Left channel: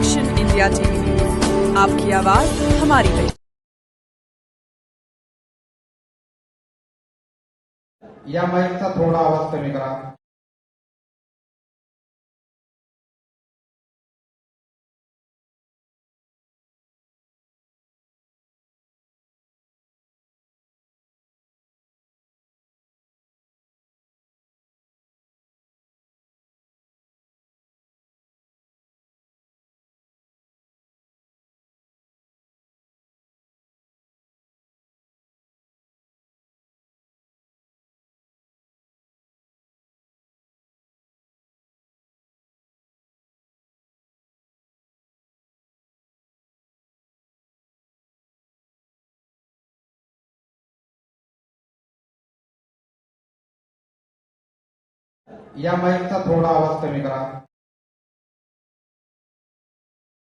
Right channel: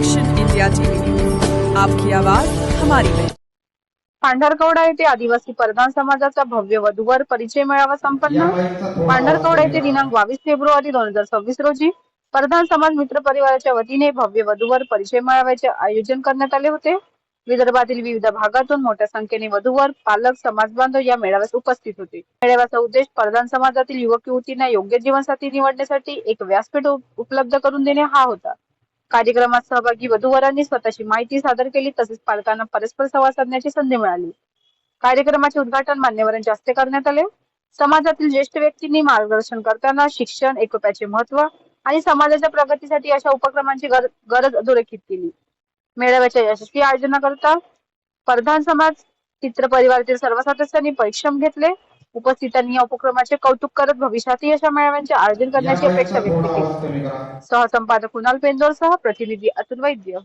Action India TV news, आपकी आवाज हमारी पहचान। पांढरकवडा येथे आदिवासी परधान समाजाचा भव्य वधूवर परिचय मेळावा संपन्न। पांढरकवडा येथे दिनांक 22 फेब्रुवारी 2026 रोजी परधान समाज मित्र परिवाराच्या वतीने भव्य वधूवर परिचय मेळाव्याचे आयोजन करण्यात आले होते। विदर्भातील विविध भागातून मोठ्या संख्येने वधूवर पालक समाज बांधव या मेळाव्यास उपस्थित होते। मेळाव्याचा उद्देश परधान समाजातील युवक युवतींना योग्य जीवनसाथी निवडण्यासाठी एक व्यासपीठ उपलब्ध करून देणे हा होता। कार्यक्रमात सहभागी वधूवरांनी स्वतःची माहिती सादर केली, तसेच पालकांना परस्पर संवाद साधण्याची संधी मिळाली। कार्यक्रमाचे उद्घाटन मान्यवरांच्या हस्ते करण्यात आले। समाजातील ज्येष्ठ व्यक्तींनी मार्गदर्शन करताना शिक्षण, एकोप्याचे महत्त्व आणि समाजाच्या प्रगतीसाठी अशा उपक्रमांची गरज अधोरेखित केली। मेळाव्याच्या यशस्वी आयोजनाकरता परधान समाज मित्र परिवारातील सर्व सदस्यांनी परिश्रम घेतले। उपस्थितांनी या उपक्रमाचे कौतुक करत भविष्यातही अशा मेळाव्यांचे आयोजन करण्याची अपेक्षा व्यक्त केली। सहसंपादक कुणाल पेंदोर सह प्रतिनिधी अतुल वैद्य।